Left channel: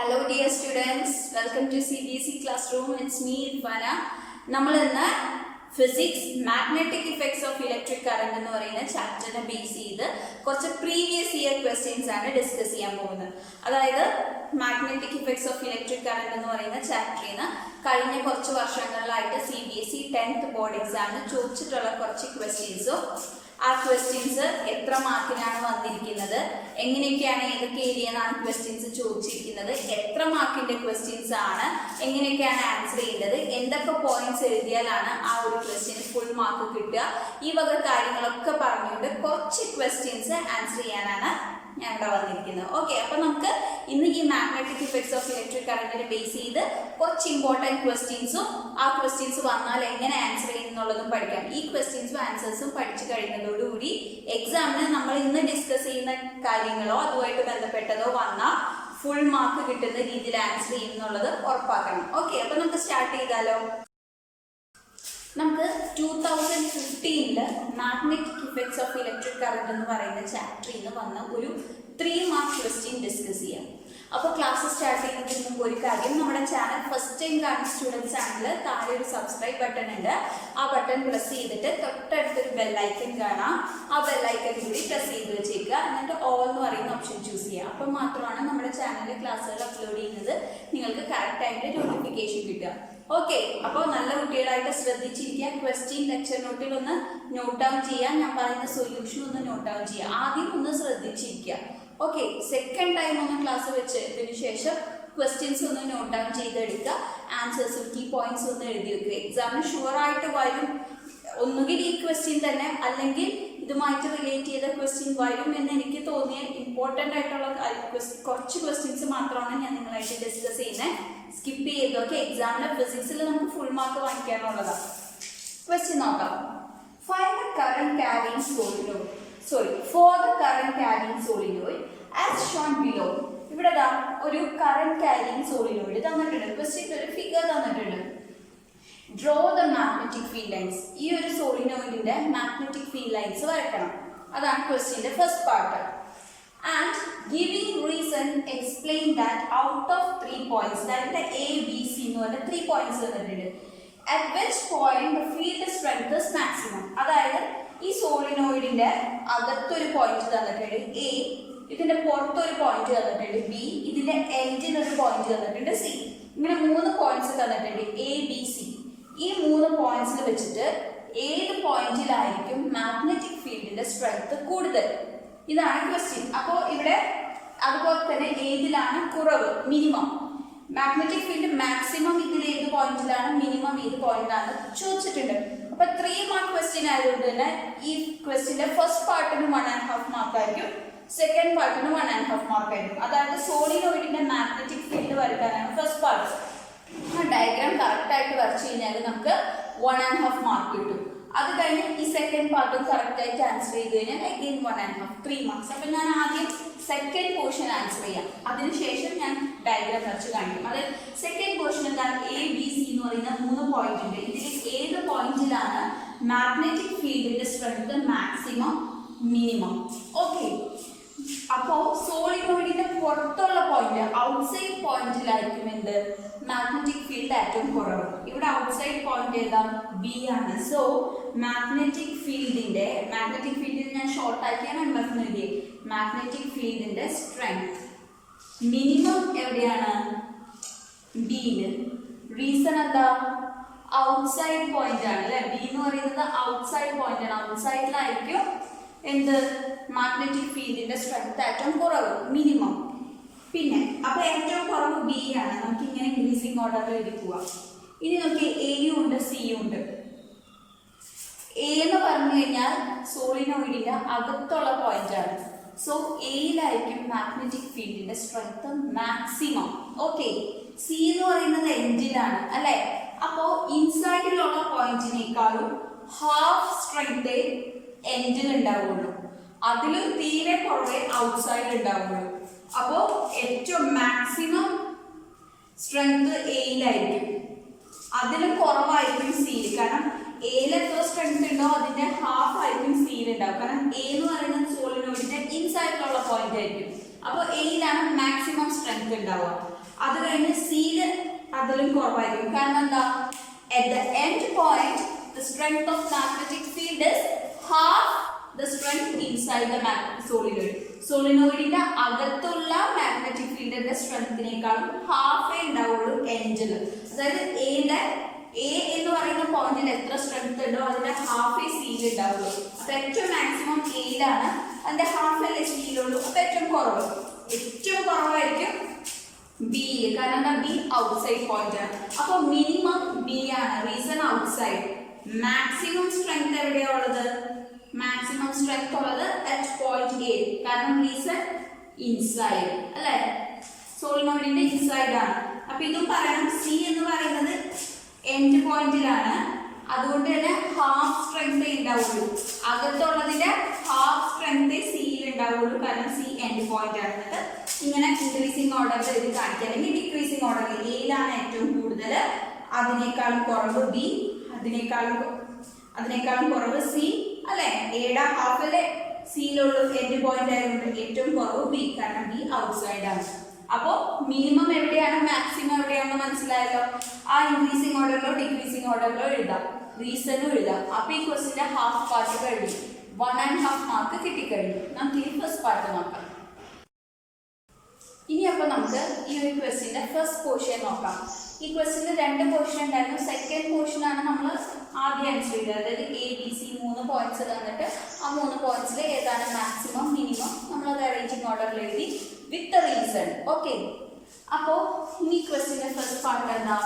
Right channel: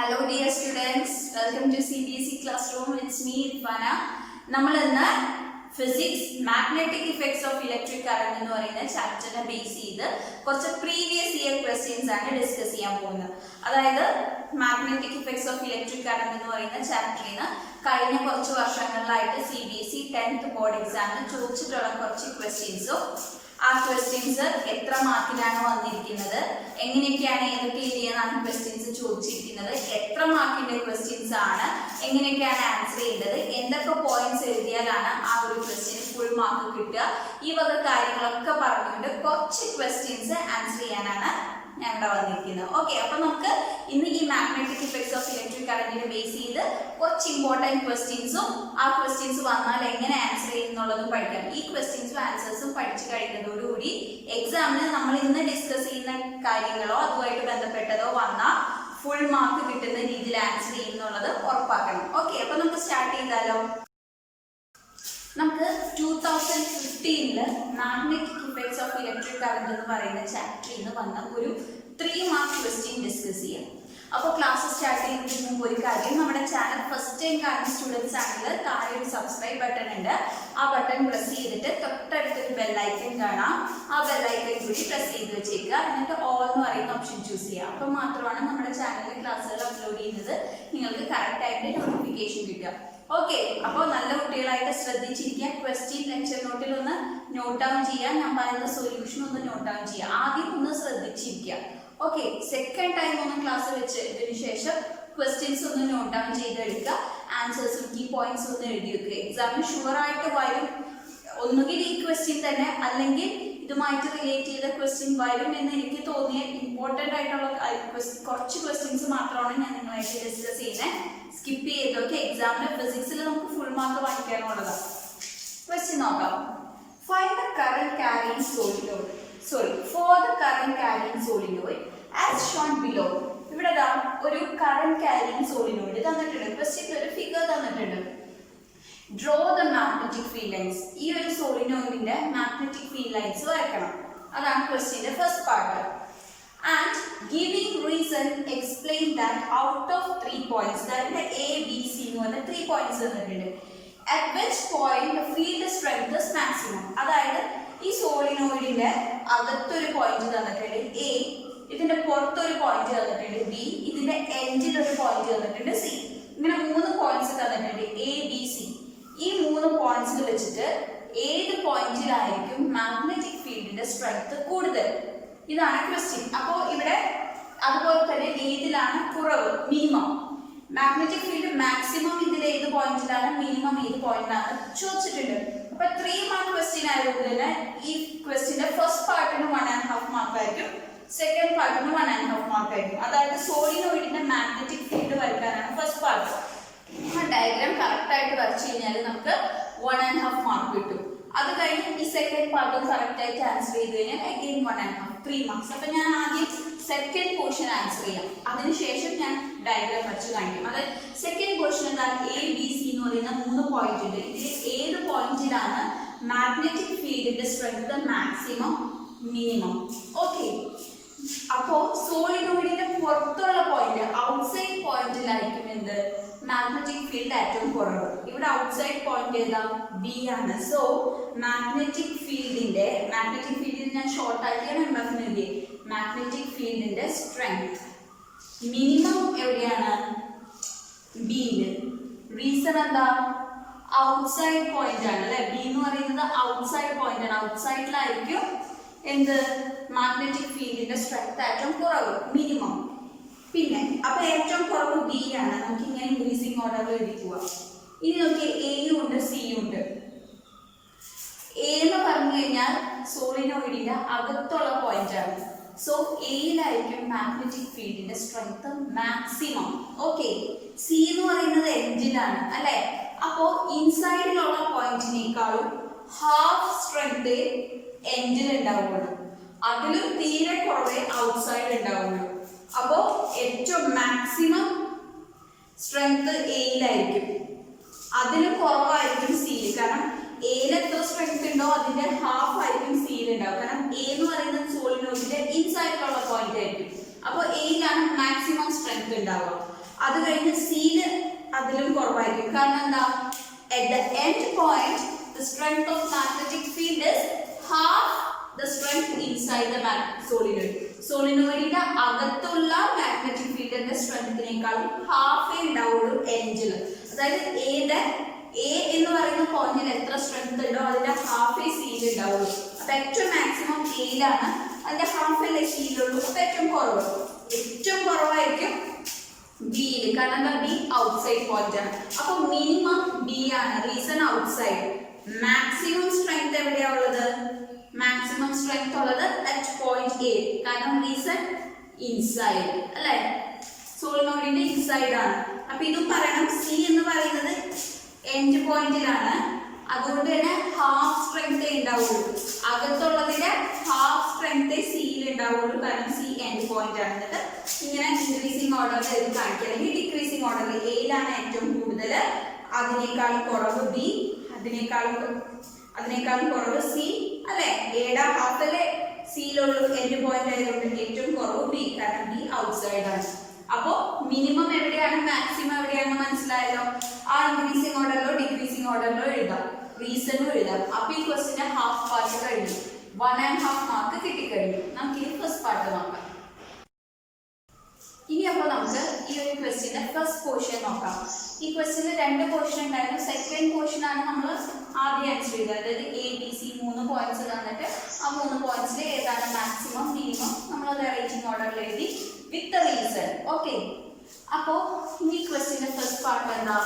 Hello dear students, welcome to CBSE classroom. It's me Irfana. നമ്മൾ ഇന്ന് physics magnetic effects of electric current എന്ന് പറയുന്ന ചാപ്റ്ററിനെ base ചെയ്ത് കുറച്ച് പ്രീവിയസ് ഇയർ ക്വസ്റ്റ്യൻസ് ആണ് ഡിസ്കസ് ചെയ്യാൻ പോകുന്നത്. അതായത് magnetic effects of electric current എന്ന് പറയുന്ന ചാപ്റ്ററിൽ നിന്ന് കഴിഞ്ഞ കുറച്ച് വർഷങ്ങളിലായിട്ട് CBSE 10th ബോർഡ് എക്സാമിന് ചോദിച്ചിട്ടുള്ള കുറച്ച് ക്വസ്റ്റ്യൻസും ആ ക്വസ്റ്റ്യൻസ് എത്ര മാർക്കിനാണ് വന്നിരിക്കുന്നത്, എങ്ങനെയൊക്കെയാണ് ഏതൊക്കെ ഏരിയയാണ് ക്വസ്റ്റ്യൻസ് ചോദിച്ചിരിക്കുന്നത്, എത്ര മാർക്കിന്റെ ക്വസ്റ്റ്യൻസ് ആണ്, എങ്ങനെയൊക്കെയാണ് ആൻസർ ചെയ്യേണ്ടത്, എന്തൊക്കെ പോയിന്റ്സ് എഴുതിയാലാണ് ആ ഒരു ക്വസ്റ്റ്യന് ഫുൾ മാർക്ക് കിട്ടുക, ഈ വക കാര്യങ്ങളൊക്കെ പറഞ്ഞുകൊണ്ട് കുറച്ച് ക്വസ്റ്റ്യൻസ് ആൻസർ ചെയ്യാനാണ് ഞാൻ ഇവിടെ വന്നിരിക്കുന്നത്. ഓക്കെ, അപ്പൊ നമുക്ക് ഇന്ന് ഈ മാഗ്നറ്റിക് ഇഫക്ട്സ് ഓഫ് ഇലക്ട്രിക് കറന്റിനെ ബേസ് ചെയ്ത് കുറച്ച് ഇമ്പോർട്ടൻറ്റ് ക്വസ്റ്റ്യൻസും ആ ക്വസ്റ്റ്യൻസ് വന്നാൽ എങ്ങനെ ആൻസർ ചെയ്യുന്നുള്ളതും പഠിക്കാം. ഈ ക്വസ്റ്റ്യൻസും ആൻസേഴ്സും പഠിച്ചു കഴിയുന്നതോടുകൂടി എക്സാമിന് നമ്മൾ ഇന്ന് ഡിസ്കസ് ചെയ്യുന്ന കാര്യങ്ങളോ അതുമായിട്ട് ബന്ധപ്പെട്ടതോ വന്നാൽ ഫുൾ മാർക്ക് കിട്ടുന്ന രീതിയിൽ ആൻസർ ചെയ്യുന്നുള്ളത് ഉറപ്പാക്കണം. ഓക്കെ, അപ്പൊ നമുക്ക് സ്റ്റാർട്ട് ചെയ്താലോ. നമുക്ക് 2015 magnetic effects of electric current എന്ന് പറയുന്ന ചാപ്റ്ററിൽ നിന്ന് വന്ന ഒരു 3 മാർക്ക് ക്വസ്റ്റ്യൻ ഡിസ്കസ് ചെയ്യാം. അപ്പോൾ ക്ലാസ് സ്റ്റാർട്ട് ചെയ്യുന്നതിന് മുമ്പ് ഒരു കാര്യം, നമ്മുടെ ചാനൽ ഫസ്റ്റ് ടൈം കാണുന്ന സ്റ്റുഡൻസ് ആണെങ്കിൽ താഴെ ഒരു സബ്സ്ക്രൈബ് ബട്ടൺ ഉണ്ട്. ആ ബട്ടൺ പ്രസ് ചെയ്തിട്ട് തൊട്ടടുത്തൊരു ബെല്ലൈക്കൺ കാണാം. ആ ബെല്ലൈക്കൺ കൂടി പ്രസ് ചെയ്ത് വെച്ചേക്കുക. എന്നിട്ട് ഓൾ എന്ന് പറയുന്ന ഓപ്ഷൻ ചൂസ് ചെയ്യുക. അപ്പം മാത്രമാണ് നമ്മുടെ ചാനലിൽ ക്ലാസ്സുകൾ അപ്ലോഡ് ചെയ്യുന്നത് നിങ്ങൾക്ക് കറക്റ്റായിട്ട് നോട്ടിഫിക്കേഷൻ കിട്ടുക. ഓക്കെ, അപ്പോൾ നല്ല കുട്ടികളായിട്ട് ശ്രദ്ധിച്ചിരിക്കുക. ക്വസ്റ്റ്യൻ ലെക്ചർ നോട്ടിൽ ഒന്ന് നോട്ട് ഡൗൺ ചെയ്യാൻ, ഞാൻ പറയുന്ന സൊല്യൂഷൻ ഒന്ന് നോട്ട് ഡൗൺ ചെയ്യുക. ആദ്യം ഒന്ന് ശ്രദ്ധിച്ചിരിക്കുക. ഓക്കെ, സെക്കൻഡ് ടൈം ഒന്ന് ക്ലാസ് വെച്ചതിന് ശേഷം ക്വസ്റ്റ്യൻസ് ഒന്ന് നോട്ട് ഡൗൺ ചെയ്തെടുക്കുക. ആൻസേഴ്സും കീ പോയിന്റ്സും ഒന്ന് എഴുതി വെക്കുക. എക്സാമിന് ഷുവറായിട്ട് വരും. ഒന്നുകിൽ ഈ ക്വസ്റ്റ്യൻ തന്നെ അല്ലെങ്കിൽ ഇതുമായിട്ട് റിലേറ്റ് ചെയ്ത ക്വസ്റ്റ്യൻ വരും എന്ന് എനിക്ക് തോന്നിയ ഇമ്പോർട്ടൻ്റ് ആയിട്ടുള്ള കുറച്ച് ക്വസ്റ്റ്യൻസ് മാത്രമാണ് ഞാൻ നിങ്ങളായിട്ട് ഡിസ്കസ് ചെയ്യുന്നത്. സ്കിപ്പ് ചെയ്തൊക്കെ എക്സാമിന് ഫിസിക്സിൽ നമുക്ക് ഫുൾ മാർക്ക് വാങ്ങിക്കാനുള്ളതാണ്. ക്വസ്റ്റ്യൻ നോക്കാം. Find the current carrying solenoid. For the current carrying solenoid as shown below. ഇവിടെ ഒരു കറന്റ് ക്യാരിയിങ് സോളിനോയിഡ് തന്നിട്ടുണ്ട്. ക്വസ്റ്റ്യനിൽ ഒരു ഫിഗർ തന്നിട്ടുണ്ട്. Draw the magnetic field lines. ഈ ഒരു സോളിനോയിഡിന്റെ മാഗ്നറ്റിക് ഫീൽഡ് ലൈൻസ് വരയ്ക്കണം. അതാണ് ക്വസ്റ്റ്യന്റെ first part. And giving reason explain that out of 3 points, അതായത് A, B, C എന്ന് പറഞ്ഞ 3 points തന്നിട്ടുണ്ട്. At which point the field strength is maximum. അതായത് ഈ സോളിനോയിഡിന്റെ അകത്തൊരു പോയിന്റ് തന്നിട്ടുണ്ട് A, ഇതിന്റെ പുറത്തൊരു പോയിന്റ് തന്നിട്ടുണ്ട് B, ഇതിന്റെ എൻഡിൽ ഒരു പോയിന്റ് തന്നിട്ടുണ്ട് C. ഇങ്ങനെ 3 പോയിന്റ്സ് തന്നിട്ടുണ്ട് A, B, C. ഈ 3 പോയിന്റ്സിൽ വെച്ചിട്ട് ഏത് പോയിന്റിലായിരിക്കും മാഗ്നറ്റിക് ഫീൽഡിന്റെ സ്ട്രെങ്ത് കൂടുതൽ? ഇതാണ് ക്വസ്റ്റ്യൻ. അപ്പോൾ ഇവിടെ അതുപോലെ തന്നെ ഏതിലാണ് കുറവ്, മിനിമം. മാഗ്നറ്റിക് ഫീൽഡ് മാക്സിമം ഇതിൽ ഏത് പോയിന്റിലാണ്, മിനിമം ഏത് പോയിന്റിലാണ് ചോദിച്ചിട്ടുണ്ട്. അപ്പൊ 3 മാർക്ക് ക്വസ്റ്റ്യൻ ആയതുകൊണ്ട് തന്നെ ഈ ക്വസ്റ്റ്യന്റെ ഫസ്റ്റ് പാർട്ടിന് 1.5 മാർക്ക് ആയിരിക്കും, സെക്കൻഡ് പാർട്ടിന് 1.5 മാർക്ക് ആയിരിക്കും. അതായത് സോളിനോയിഡിന്റെ മാഗ്നറ്റിക് ഫീൽഡ് വരയ്ക്കാനാണ് ഫസ്റ്റ് പാർട്ട്. ആ ഡയഗ്രാം കറക്റ്റ് ആയിട്ട് വരച്ചു കഴിഞ്ഞാൽ നമുക്ക് 1.5 മാർക്ക് കിട്ടും. അത് കഴിഞ്ഞ് ഈ സെക്കൻഡ് പാർട്ടും കറക്റ്റ് ആയിട്ട് ആൻസർ ചെയ്ത് കഴിഞ്ഞാൽ അഗെയിൻ 1.5, 3 മാർക്സ്. അപ്പൊ ഞാൻ ആദ്യം സെക്കൻഡ് പോർഷൻ ആൻസർ ചെയ്യാം, അതിനുശേഷം ഞാൻ ഡയഗ്രാം വരച്ച് കാണിക്കും. അതായത് സെക്കൻഡ് പോർഷൻ എന്താണ്? A, B, C എന്ന് പറയുന്ന 3 പോയിന്റ് ഉണ്ട്. ഇതിൽ ഏത് പോയിന്റിലാണ് മാഗ്നറ്റിക് ഫീൽഡിന്റെ സ്ട്രെങ്ത് മാക്സിമം, മിനിമം? ഓക്കെ, അപ്പോൾ സോളിനോയിഡിന്റെ പുറത്തുള്ള പോയിന്റ്, ഔട്ട്സൈഡ് പോയിന്റിലായിരിക്കും എന്ത്, മാഗ്നറ്റിക് ഫീൽഡ് ഏറ്റവും കുറവ്. ഇവിടെ ഔട്ട്സൈഡ് പോയിന്റ് ഏതാ? B ആണ്. സോ മാഗ്നറ്റിക് ഫീൽഡിന്റെ ഞാൻ ഷോർട്ട് ആക്കിയാണ് MF എഴുതിയത്. മാഗ്നറ്റിക് ഫീൽഡിന്റെ സ്ട്രെങ്ത് മിനിമം എവിടെയാണ്? ബിയില്. റീസൺ എന്താ? ഔട്ട്സൈഡ് പോയിന്റ് ആണ് അല്ലെ. B എന്ന് പറയുന്നത് ഔട്ട്സൈഡ് പോയിന്റ് ആണ്. ഔട്ട്സൈഡിലായിരിക്കും എന്ത്, മാഗ്നറ്റിക് ഫീൽഡിന്റെ സ്ട്രെങ്ത് ഏറ്റവും കുറവ്, മിനിമം. പിന്നെ അപ്പൊ ഏറ്റവും കുറവ് B ആണ്. നമുക്ക് ഇങ്ങനെ ഇൻക്രീസിങ് ഓർഡറിൽ എഴുതി പോവാം. ഇനി നോക്കിയാൽ എയും ഉണ്ട്, സിയും ഉണ്ട്. എ എന്ന് പറഞ്ഞു കഴിഞ്ഞാൽ സോളിനോയിഡിന്റെ അകത്തുള്ള പോയിന്റ് ആണ്. സോ എയിലായിരിക്കും മാഗ്നറ്റിക് ഫീൽഡിന്റെ സ്ട്രെങ്ത് മാക്സിമം. ഓക്കെ, സി എന്ന് പറയുന്നത് എൻഡിലാണ് അല്ലെ. അപ്പോ ഇൻസൈഡിലുള്ള പോയിന്റിനേക്കാളും ഹാഫ് സ്ട്രെങ്ത് എൻഡിൽ ഉണ്ടാവുള്ളൂ, അതിലും തീരെ കുറവേ ഔട്ട്സൈഡ് ഉണ്ടാവുള്ളൂ. അപ്പോ ഏറ്റവും മാക്സിമം സ്ട്രെങ്ത് എയിലായിരിക്കും, അതിലും കുറവായിരിക്കും സിയിൽ. കാരണം എയിൽ എത്ര സ്ട്രെങ്ത് ഉണ്ടോ അതിന്റെ ഹാഫ് ആയിരിക്കും സിയിൽ ഉണ്ടാവും. കാരണം എ എന്ന് പറയുന്നത് സോളിനോയിഡിന്റെ ഇൻസൈഡിലുള്ള പോയിന്റ് ആയിരിക്കും. അപ്പോൾ എയിലാണ് മാക്സിമം സ്ട്രെങ്ത് സ്ട്രെങ്ത് ഉണ്ടാവുക. അത് കഴിഞ്ഞ് സിയിൽ അതിലും കുറവായിരിക്കും. കാരണം എന്താ, at the end point the strength of magnetic field is half the strength inside the solenoid. സോളിനോയിഡിന്റെ അകത്തുള്ള മാഗ്നറ്റിക് ഫീൽഡിന്റെ സ്ട്രെങ്ത്തിനേക്കാളും ഹാഫേ ഉണ്ടാവുള്ളൂ എൻഡിൽ. അതായത് എ എന്ന് പറയുന്ന പോയിന്റിൽ എത്ര സ്ട്രെങ്ത് ഉണ്ടോ അതിന്റെ ഹാഫേ സിയിൽ ഉണ്ടാവുള്ളൂ. അപ്പൊ ഏറ്റവും മാക്സിമം എയിലാണ്, അതിന്റെ ഹാഫ് അല്ലേ സിയിലുള്ളൂ. അപ്പൊ ഏറ്റവും കുറവായിരിക്കും ബിയിൽ. കാരണം എന്താ, ബി ഔട്ട്സൈഡ് പോയിന്റ് ആണ്. അപ്പൊ മിനിമം ബി ആണ്. Reason outside. മാക്സിമം സ്ട്രെങ്ത് എവിടെയാ ഉള്ളത്? മാക്സിമം സ്ട്രെങ്ത് ഉള്ളത് അറ്റ് പോയിന്റ് എ. കാരണം റീസൺ ഇൻസൈഡ് അല്ലെ, സോളിനോയിഡിന്റെ ഇൻസൈഡ് ആണ്. അപ്പൊ ഇതും പറയണം, സി എന്ന് പറയുന്നത് എൻഡ് പോയിന്റിലാണ്. അതുകൊണ്ട് തന്നെ ഹാഫ് സ്ട്രെങ്ത് ഉണ്ടാവുള്ളൂ. അകത്തുള്ളതിന്റെ ഹാഫ് സ്ട്രെങ്ത് സിയിൽ ഉണ്ടാവുള്ളൂ. കാരണം സി എൻഡ് പോയിന്റ് ആണ്. എന്നിട്ട് ഇങ്ങനെ ഇൻക്രീസിങ് ഓർഡറിൽ ഇത് കാണിക്കുക, അല്ലെങ്കിൽ ഡിക്രീസിങ് ഓർഡറിൽ എയിലാണ് ഏറ്റവും കൂടുതൽ, അതിനേക്കാളും കുറവ് ബി, അതിനേക്കാളും കുറവ് സി അല്ലെ. എയുടെ ഹാഫ് അല്ലേ സിയിലുള്ളൂ, എൻഡ് പോയിന്റ് ആയതുകൊണ്ട് ഏറ്റവും കുറവ് ബി. കാരണം ബി ഔട്ട്സൈഡ് ആണ്. അപ്പോ മിനിമം എവിടെയാണ്, മാക്സിമം എവിടെയാണെന്ന് മനസ്സിലായല്ലോ. ആ ഇൻക്രീസിങ് ഓർഡറിലോ ഡിക്രീസിങ് ഓർഡറിലോ എഴുതാം, റീസണും എഴുതാം. അപ്പൊ ഈ ക്വസ്റ്റിന്റെ ഹാഫ് പാർട്ട് കഴിഞ്ഞു, 1.5 മാർക്ക് കിട്ടിക്കഴിഞ്ഞു. നമുക്ക് ഇനി ഫസ്റ്റ് പാർട്ട് നോക്കാം. ഇനി അപ്പോൾ നമുക്ക് ഈ ഒരു ക്വസ്റ്റിന്റെ ഫസ്റ്റ് പോർഷൻ നോക്കാം. ഈ ക്വസ്റ്റിന് 2 പോർഷൻ ഉണ്ടായിരുന്നു. സെക്കൻഡ് പോർഷൻ ആണ് നമ്മൾ ആദ്യം ആൻസർ ചെയ്തത്. അതായത് ABC 3 പോയിന്റ്സ് തന്നിട്ട് ആ 3 പോയിന്റ്സിൽ ഏതാണ് മാക്സിമം മിനിമം നമ്മളത് അറേഞ്ചിങ് ഓർഡറിൽ എഴുതി വിത്ത് റീസൺ. ഓക്കെ, അപ്പോ ഇനി ക്വസ്റ്റിന്റെ ഫസ്റ്റ് പാർട്ട് എന്താ,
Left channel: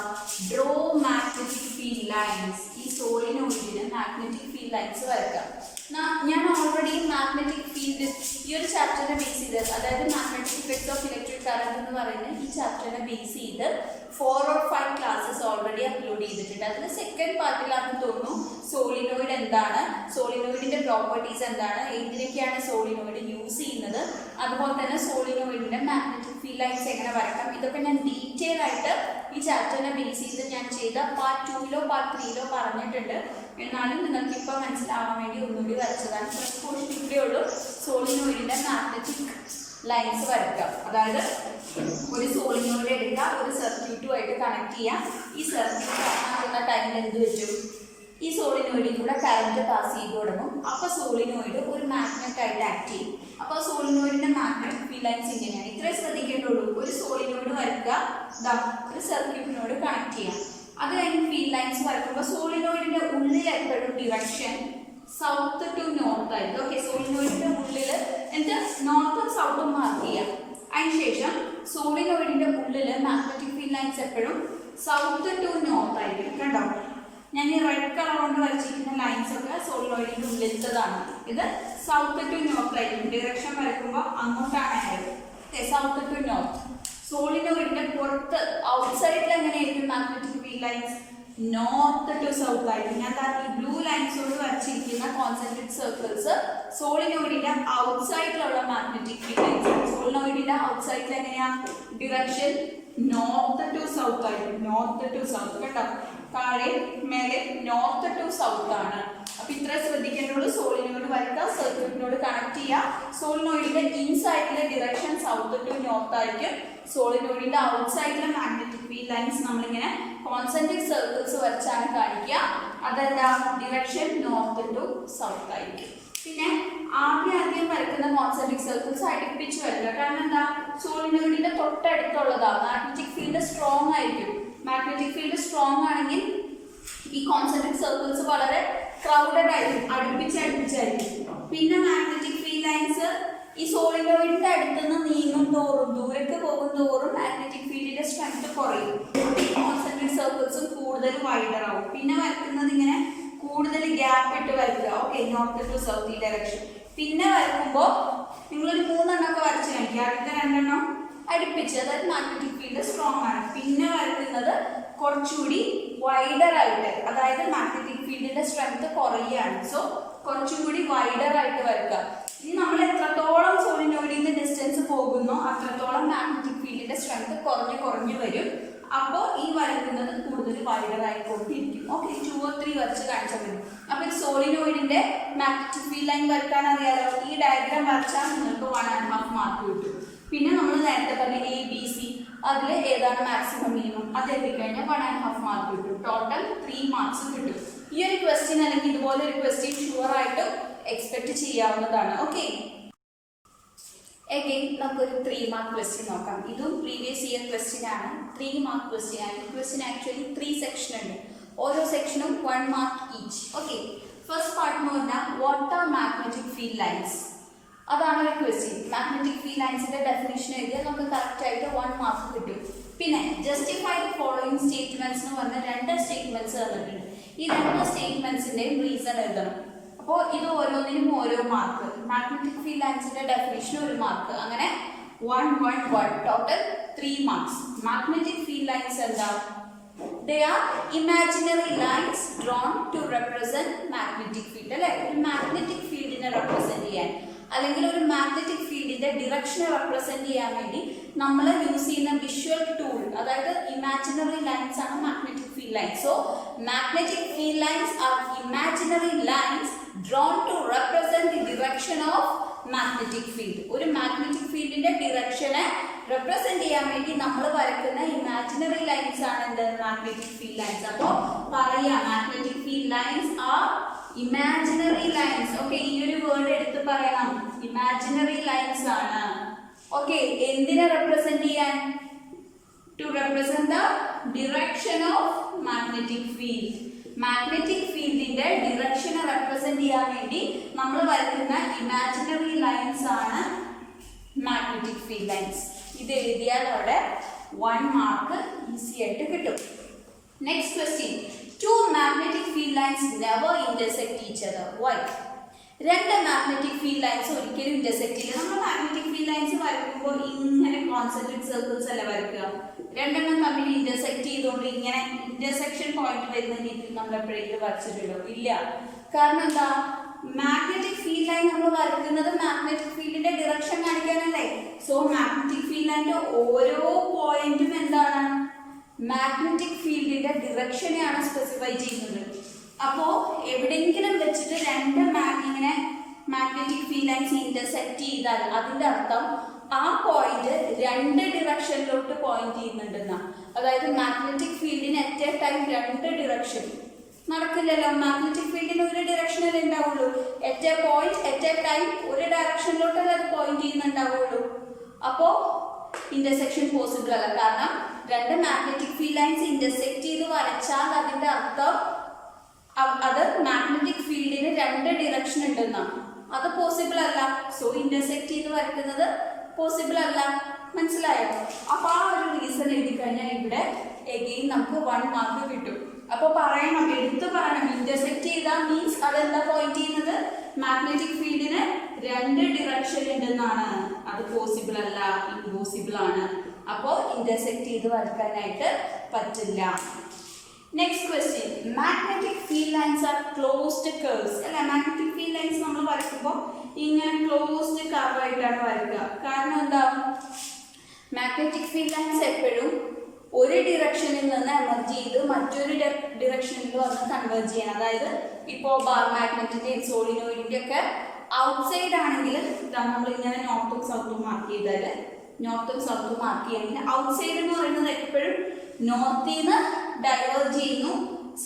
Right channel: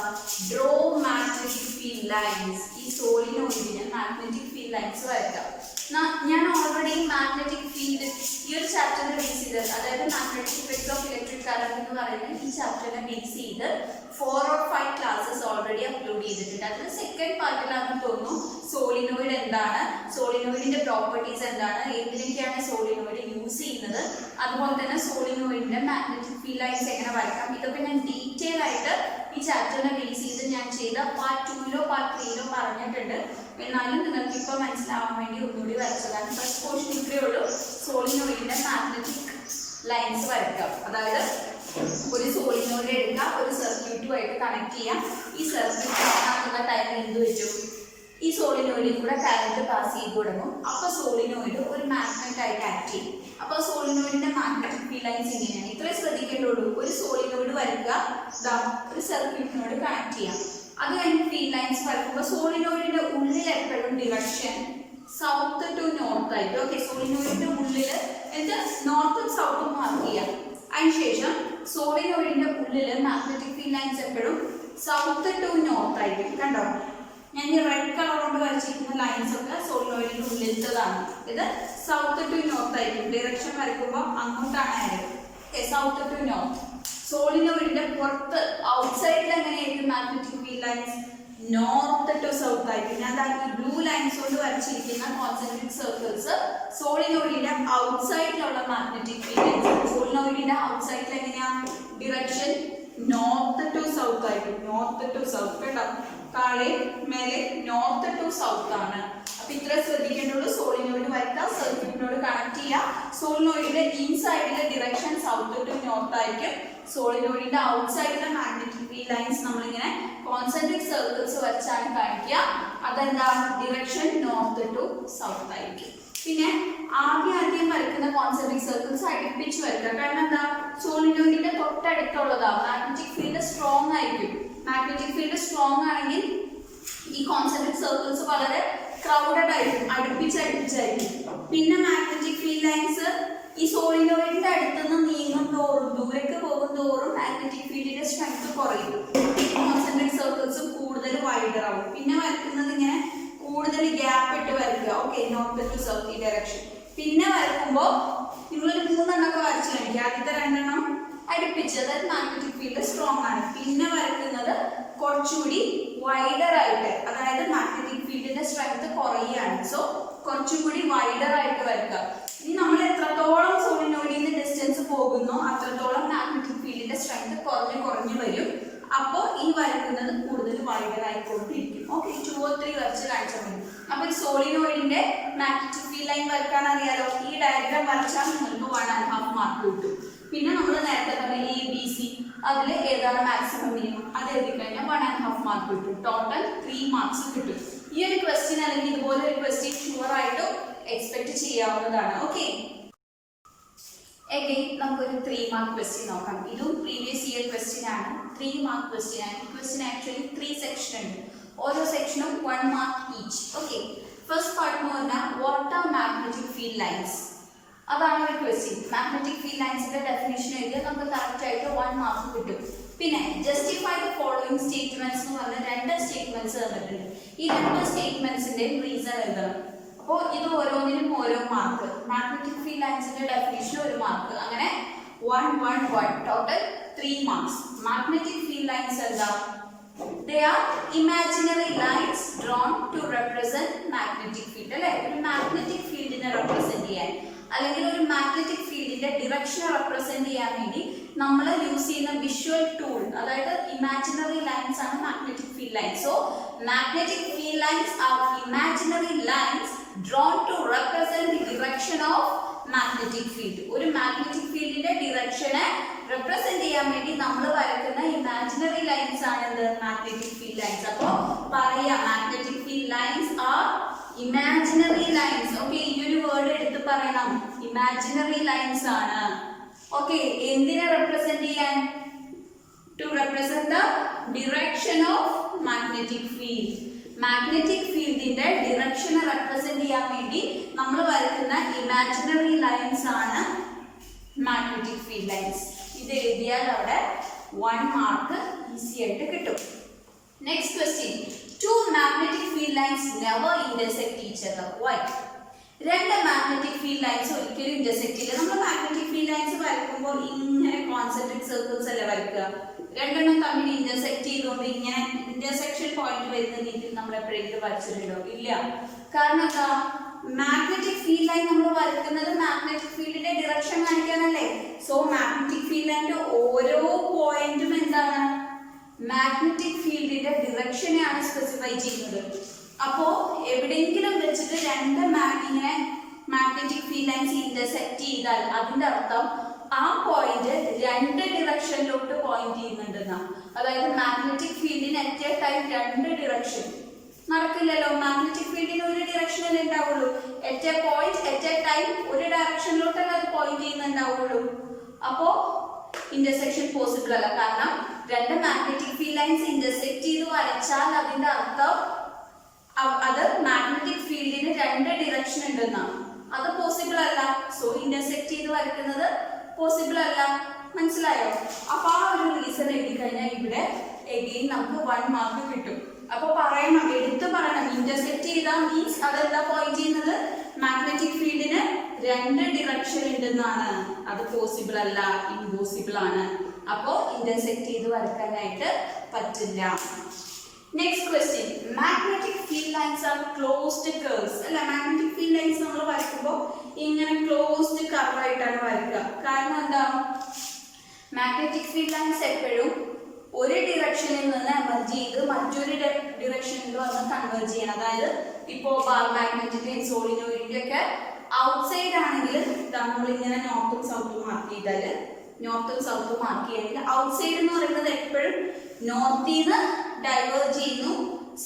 ഡ്രോ മാഗ്നറ്റിക് ഫീൽഡ് ലൈൻസ്. ഈ സോളിനോയിഡിന് മാഗ്നറ്റിക് ഫീൽഡ് ലൈൻസ് വരയ്ക്കാം. ഞാൻ ഓൾറെഡി മാഗ്നറ്റിക് ഫീൽഡ് ഈ ഒരു ചാപ്റ്ററിനെ ബേസ് ചെയ്ത്, അതായത് magnetic effects of electric current എന്ന് പറയുന്ന ഈ ചാപ്റ്ററിനെ ബേസ് ചെയ്ത് 4 or 5 ക്ലാസ്സസ് ഓൾറെഡി അപ്ലോഡ് ചെയ്തിട്ടുണ്ട്. അതിൽ സെക്കൻഡ് പാർട്ടിലാണെന്ന് തോന്നുന്നു സോളിനോയിഡ് എന്താണ്, സോളിനോയിഡിന്റെ പ്രോപ്പർട്ടീസ് എന്താണ്, എങ്ങനെയൊക്കെയാണ് സോളിനോയിഡ് യൂസ് ചെയ്യുന്നത്, അതുപോലെ തന്നെ സോളിനോയിഡിന്റെ മാഗ്നറ്റിക് ഫീൽഡ് ലൈൻസ് എങ്ങനെ വരയ്ക്കാം, ഇതൊക്കെ ഞാൻ ഡീറ്റെയിൽ ആയിട്ട് ഈ ചാപ്റ്ററിനെ ബേസ് ചെയ്ത് ഞാൻ ചെയ്ത പാർട്ട് 2 പാർട്ട് 3 പറഞ്ഞിട്ടുണ്ട്. എന്നാലും നിങ്ങൾക്ക് ഇപ്പോൾ മനസ്സിലാവാൻ വേണ്ടി ഒന്നുകൂടി വരച്ചതാണ്. ഫസ്റ്റ് പോർഷൻ ഇത്രയേ ഉള്ളൂ, സോളിനോയിഡിന്റെ മാഗ്നറ്റിക് ലൈൻസ് വരയ്ക്കാം. അതായത് ഒരു സോളിനോയിഡ് എടുക്കുക, ഒരു സർക്യൂട്ടുമായിട്ട് കണക്ട് ചെയ്യാം. ഈ സർക്യൂട്ട് ആക്കുന്ന ടൈമിൽ എന്ത് വെച്ചു, ഈ സോളിനോയിഡിൽ കൂടെ കറന്റ് പാസ് ചെയ്ത് തുടങ്ങും. അപ്പോൾ സോളിനോയിഡ് ഒരു മാഗ്നറ്റ് ആയിട്ട് ആക്ട് ചെയ്യും. അപ്പോൾ സോളിനോയിഡിന്റെ മാഗ്നറ്റിക് ഫീൽഡ് ലൈൻസ് ഇങ്ങനെയാണ്. ഇത്രയും ശ്രദ്ധിക്കേണ്ടുള്ളൂ. ഒരു സോളിനോയിഡ് വരയ്ക്കുക, ഒരു സർക്യൂട്ടിനോട് കണക്ട് ചെയ്യാം. അത് കഴിഞ്ഞ് ഫീൽഡ് ലൈൻസ് വരയ്ക്കുമ്പോൾ സോളിനോയിഡിന്റെ ഉള്ളിൽ എപ്പോഴും ഡിറക്ഷൻ സൗത്ത് ടു നോർത്ത് ആയിട്ട്. ഓക്കെ, സോളിനോയിഡിന്റെ ഉള്ളിൽ എന്നിട്ട് നോർത്തും സൗത്തും മാർക്ക് ചെയ്യാം. അതിനുശേഷം സോളിനോയിഡിന്റെ ഉള്ളിൽ മാഗ്നറ്റിക് ഫീൽഡ് ലൈൻസ് എപ്പോഴും സൗത്ത് ടു നോർത്ത് ആയിരിക്കും. കണ്ടോ, ഞാൻ ഈ റെഡ് കളർ കൊണ്ട് വരച്ചിരിക്കുന്ന ലൈൻസ് ഒക്കെ സോളിനോയിഡിന്റെ ഉള്ളിലത്തതാണ്. ഇത് സൗത്ത് ടു നോർത്ത് ആയിരിക്കും. ഡിറക്ഷൻ വരയ്ക്കുമ്പോൾ അങ്ങോട്ടാണ് ആയത്. South to north. സോളിനോയിഡിന്റെ പുറത്ത് ഔട്ട്സൈഡിൽ എങ്ങനെയായിരിക്കും magnetic field lines, north to south ആയിരിക്കും. ഞാൻ ഈ ബ്ലൂ ലൈൻസ് കൊണ്ട് വരച്ചിരിക്കുന്ന കോൺസെൻട്രിക് സർക്കിൾസ് സോളിനോയിഡിന്റെ ഔട്ട്സൈഡിലുള്ള മാഗ്നറ്റിക് ഫീൽഡ് ലൈൻസ്. സോളിനോയിഡിന്റെ ഔട്ട്സൈഡിൽ എങ്ങനെയാ ഡിറക്ഷൻ നോർത്ത് ടു സൗത്ത് ആയിരിക്കും. നോർത്ത് ടു സൗത്ത് കേട്ടോ, താഴെ മേലെ നോർത്ത് ടു സൗത്ത് ആണ്. അപ്പൊ ഇത്ര ശ്രദ്ധിക്കേണ്ടുള്ളൂ. സോളിനോയിഡ് വരയ്ക്കാം, സർക്യൂട്ടിനോട് കണക്ട് ചെയ്യാം. സോളിനോയിഡിന്റെ ഇൻസൈഡിലെ ഡിറക്ഷൻ സൗത്ത് ടു നോർത്ത് ആയിരിക്കും. സോളിനോയിഡിന്റെ ഔട്ട്സൈഡിലെ മാഗ്നറ്റിക് ഫീൽഡ് ലൈൻസ് നമ്മളിങ്ങനെ കോൺസെൻട്രിക് സർക്കിൾസ് വരച്ചാണ് കാണിക്കുക. അതെന്താ, ഡിറക്ഷൻ നോർത്ത് ടു സൗത്ത് ആയിരിക്കും. പിന്നെ ആദ്യം വരയ്ക്കുന്ന കോൺസെൻട്രിക് സർക്കിൾസ് അടുപ്പിച്ച് വരയ്ക്കുക. കാരണം എന്താ, സോളിനോയിഡിന്റെ തൊട്ടടുത്തുള്ളതാണ്. മാഗ്നറ്റിക് ഫീൽഡ് സ്ട്രോങ് ആയിരിക്കും. മാഗ്നറ്റിക് ഫീൽഡ് സ്ട്രോങ് ആണെങ്കിൽ ഈ കോൺസെൻട്രിക് സർക്കിൾസ് വളരെ ക്രൗഡഡ് ആയിരിക്കും, അടുപ്പിച്ചായിരിക്കും. പിന്നെ മാഗ്നറ്റിക് ഫീൽഡ് ലൈൻസ് ഈ സോളിനോയിഡിന്റെ അടുത്തുനിന്ന് നീങ്ങും തോറും, ദൂരേക്ക് പോകും തോറും മാഗ്നറ്റിക് ഫീൽഡിന്റെ സ്ട്രെങ്ത് കുറയും. ഈ കോൺസെൻട്രിക് സർക്കിൾസും കൂടുതൽ വൈഡർ ആവും. പിന്നെ വരയ്ക്കുന്നത് ഇങ്ങനെ കൂടുതൽ ഗ്യാപ്പ് ഇട്ട് വരയ്ക്കുക. ഓക്കെ, നോർത്ത് ടു സൗത്ത് ഈ ഡയറക്ഷൻ. പിന്നെ വരയ്ക്കുമ്പോൾ നിങ്ങളൊരു 3 എണ്ണമൊക്കെ വരച്ച് കാണിക്കുക. ആദ്യത്തെ 2 എണ്ണം അടുപ്പിച്ച്, അതായത് മാഗ്നറ്റിക് ഫീൽഡ് സ്ട്രോങ് ആണ്. പിന്നെ വരയ്ക്കുന്നത് കുറച്ചുകൂടി വൈഡർ ആയിട്ട്, അതായത് മാഗ്നറ്റിക് ഫീൽഡിന്റെ സ്ട്രെങ്ത് കുറയുകയാണ്. സോ കുറച്ചും കൂടി വൈഡർ ആയിട്ട് വരയ്ക്കുക. ഇനി നമ്മൾ എത്രത്തോളം സോളിനോയിഡിൽ നിന്ന് ഡിസ്റ്റൻസ് പോകുന്നോ അത്രത്തോളം മാഗ്നറ്റിക് ഫീൽഡിന്റെ സ്ട്രെങ്ത് കുറഞ്ഞു വരും. അപ്പോൾ ഈ വരയ്ക്കുന്നത് കൂടുതൽ വൈഡർ ആയിക്കൊണ്ടിരിക്കും. ഓക്കെ, 2 or 3 വരച്ച് കാണിച്ചാൽ മതി. അപ്പോൾ ഒരു സോളിനോയിഡിന്റെ മാഗ്നറ്റിക് ഫീൽഡ് ലൈൻ വരയ്ക്കാൻ അറിയാലോ. ഈ ഡയഗ്രാം വരച്ചാൽ നിങ്ങൾക്ക് 1.5 മാർക്ക് കിട്ടും. പിന്നെ നമ്മൾ നേരത്തെ പറഞ്ഞ ABC അതിൽ ഏതാണ് മാക്സിമം മിനിമം അത് എഴുതി കഴിഞ്ഞാൽ 1.5 മാർക്ക് കിട്ടും. ടോട്ടൽ 3 മാർക്സ് കിട്ടും. ഈ ഒരു ക്വസ്റ്റ്യൻ അല്ലെങ്കിൽ ഇതുപോലെ ഒരു ക്വസ്റ്റ്യൻ ഷുവർ ആയിട്ടും എക്സ്പെക്ട് ചെയ്യാവുന്നതാണ്. ഓക്കെ, എഗെയിൻ നമുക്കൊരു 3 മാർക്ക് ക്വസ്റ്റ്യൻ നോക്കാം. ഇതും പ്രീവിയസ് ഇയർ ക്വസ്റ്റ്യൻ ആണ്. 3 മാർക്ക് ക്വസ്റ്റ്യൻ ആണ്. ക്വസ്റ്റ്യൻ ആക്ച്വലി 3 സെക്ഷൻ ഉണ്ട്. ഓരോ സെക്ഷനും 1 mark each. Okay, first part എന്ന് പറഞ്ഞാൽ what are magnetic field lines, അതാണ് ഒരു ക്വസ്റ്റ്യൻ. മാഗ്നറ്റിക് ഫീൽഡ് ലൈൻസിന്റെ ഡെഫിനിഷൻ എഴുതിയാൽ നമുക്ക് കറക്റ്റ് ആയിട്ട് 1 മാർക്ക് കിട്ടും. പിന്നെ ജസ്റ്റിഫൈ ദ ഫോളോയിങ് സ്റ്റേറ്റ്മെന്റ്സ് എന്ന് പറഞ്ഞ 2 സ്റ്റേറ്റ്മെന്റ്സ് തന്നിട്ടുണ്ട്. ഈ 2 സ്റ്റേറ്റ്മെന്റ്സിന്റെയും റീസൺ എഴുതണം. അപ്പോൾ ഇത് ഓരോന്നിനും ഓരോ മാർക്ക്. മാഗ്നറ്റിക് ഫീൽഡ് ലൈൻസിന്റെ ഡെഫിനിഷൻ 1 മാർക്ക്, അങ്ങനെ 1 1 1 total 3 marks. Magnetic field lines എന്താ? They are imaginary lines drawn to represent magnetic field. അല്ലെ, ഒരു മാഗ്നറ്റിക് ഫീൽഡിനെ റെപ്രസെന്റ് ചെയ്യാൻ അല്ലെങ്കിൽ ഒരു മാഗ്നറ്റിക് ഫീൽഡിന്റെ ഡിറക്ഷനെ റെപ്രസെന്റ് ചെയ്യാൻ വേണ്ടി നമ്മൾ യൂസ് ചെയ്യുന്ന വിഷ്വൽ ടൂൾ, അതായത് ഇമാജിനറി ലൈൻസ് ആണ് magnetic field lines. So magnetic field lines are imaginary lines drawn to represent the direction of magnetic field. ഒരു മാഗ്നറ്റിക് ഫീൽഡിന്റെ ഡിറക്ഷനെ റെപ്രസെന്റ് ചെയ്യാൻ വേണ്ടി നമ്മൾ വരയ്ക്കുന്ന ഇമാജിനറി ലൈൻസ് ആണ് എന്ത്? Magnetic field lines. അപ്പോ പറയാം, magnetic field lines are imaginary lines. Okay, ഈ ഒരു വേർഡ് എടുത്ത് പറയണം, ഇമാജിനറി ലൈൻസ് ആണ്. ഓക്കെ, എന്തിനെ റെപ്രസെന്റ് ചെയ്യാൻ? To represent the direction of magnetic field. Magnetic ഫീൽഡിന്റെ ഡിറക്ഷനെ റെപ്രസെന്റ് ചെയ്യാൻ വേണ്ടി നമ്മൾ വരയ്ക്കുന്ന ഇമാജിനറി ലൈൻസ് ആണ് മാഗ്നറ്റിക് ഫീൽഡ് ലൈൻസ്. ഇത് എഴുതിയാൽ അവിടെ 1 മാർക്ക് ഈസി ആയിട്ട് കിട്ടും. Next question, two magnetic field lines never intersect each other. Why? 2 magnetic field lines ഒരിക്കലും ഇന്റർസെക്ട് ചെയ്യില്ല. നമ്മൾ മാഗ്നറ്റിക് ഫീൽഡ് ലൈൻസ് വരയ്ക്കുമ്പോൾ ഇങ്ങനെ കോൺസെൻട്രിക് സർക്കിൾസ് അല്ല വരയ്ക്കുക. 2 തമ്മിൽ ഇന്റർസെക്ട് ചെയ്തുകൊണ്ട് ഇങ്ങനെ ഇന്റർസെക്ഷൻ പോയിന്റ് വരുന്ന രീതിയിൽ നമ്മൾ എപ്പോഴെങ്കിലും വരച്ചിട്ടുണ്ടോ? ഇല്ല. കാരണം എന്താ? മാഗ്നറ്റിക് ഫീൽഡ് ലൈൻ നമ്മൾ വരയ്ക്കുന്നത് മാഗ്നറ്റിക് ഫീൽഡിന്റെ ഡിറക്ഷൻ കാണിക്കാനല്ലേ. സോ മാഗ്നറ്റിക് ഫീൽഡ് ലൈനിന്റെ ഓരോ പോയിന്റും എന്താണ്? മാഗ്നറ്റിക് ഫീൽഡിന്റെ ഡിറക്ഷനെയാണ് സ്പെസിഫൈ ചെയ്യുന്നത്. അപ്പോ എവിടെയെങ്കിലും വെച്ചിട്ട് 2 ഇങ്ങനെ മാഗ്നറ്റിക് ഫീൽഡ് ലൈൻസ് ഇന്റർസെക്ട് ചെയ്താൽ അതിന്റെ അർത്ഥം ആ പോയിന്റ് 2 ഡിറക്ഷനിലോട്ട് പോയിന്റ് ചെയ്യുന്നുണ്ടെന്നാ. അതായത് മാഗ്നറ്റിക് ഫീൽഡിന് അറ്റ് എ ടൈം 2 ഡിറക്ഷൻ നടക്കില്ലല്ലോ. മാഗ്നറ്റിക് ഫീൽഡിന് ഒരു ഡിറക്ഷനല്ലേ ഉണ്ടാവുള്ളൂ. At a point at a time ഒരു ഡയറക്ഷനിലോട്ടല്ലേ അത് പോയിന്റ് ചെയ്യുന്നുണ്ടാവുള്ളൂ. അപ്പോ ഇന്റർസെക്ഷൻ പോസിബിൾ അല്ല. കാരണം 2 മാഗ്നറ്റിക് ഫീൽഡ് ലൈൻസ് ഇന്റർസെക്ട് ചെയ്ത് വരച്ചാൽ അതിന്റെ അർത്ഥം അത് മാഗ്നറ്റിക് ഫീൽഡിന് 2 ഡിറക്ഷൻ ഉണ്ടെന്നാണ്. അത് പോസിബിൾ അല്ല. സോ ഇന്റർസെക്ട് ചെയ്ത് വരയ്ക്കുന്നത് പോസിബിൾ അല്ല. മനസ്സിലായോ? അപ്പൊ ആ ഒരു റീസൺ എഴുതി കഴിഞ്ഞാൽ ഇവിടെ എഗെയിൻ നമുക്ക് 1 മാർക്ക് കിട്ടും. അപ്പൊ പറയണം, എടുത്തു പറയണം, ഇന്റർസെക്ട് ചെയ്താൽ മീൻസ് അതെന്താ പോയിന്റ് ചെയ്യുന്നത്? മാഗ്നറ്റിക് ഫീൽഡിന് 2 ഡിറക്ഷൻ ഉണ്ടെന്നാണ്. അത് പോസിബിൾ അല്ല, ഇമ്പോസിബിൾ ആണ്. അപ്പോ ഇന്റർസെക്ട് ചെയ്ത് വരയ്ക്കാനായിട്ട് പറ്റില്ല. Next question, magnetic field lines R closed curves. അല്ല, മാഗ്നറ്റിക് ഫീൽഡ് ലൈൻസ് നമ്മൾ വരയ്ക്കുമ്പോൾ ഇങ്ങനെ ക്ലോസ്ഡ് കർവ് ആയിട്ടാണ് വരയ്ക്കുക. കാരണം എന്താ? മാഗ്നറ്റിക് ഫീൽഡ് ലൈൻസ് എപ്പോഴും ഒരു ഡിറക്ഷനിൽ നിന്ന് എമർജ് ചെയ്ത് മറ്റൊരു ഡിറക്ഷനിൽ വന്ന് കൺവേർജ് ചെയ്യണം. അതായത് ഇപ്പോൾ ബാർ മാഗ്നറ്റിന്റെയും സോളിനോയിഡിന്റെ ഒക്കെ ഔട്ട്സൈഡ് ആണെങ്കിൽ നമ്മൾ ഇങ്ങനെ നോർത്തും സൗത്തും മാർക്ക് ചെയ്താൽ നോർത്തും സൗത്തും മാർക്ക് ചെയ്യുകയാണെങ്കിൽ ഔട്ട്സൈഡ് എന്ന് പറയുന്നത് എപ്പോഴും നോർത്തിൽ നിന്ന് ഡൈവേർജ് ചെയ്യുന്നു,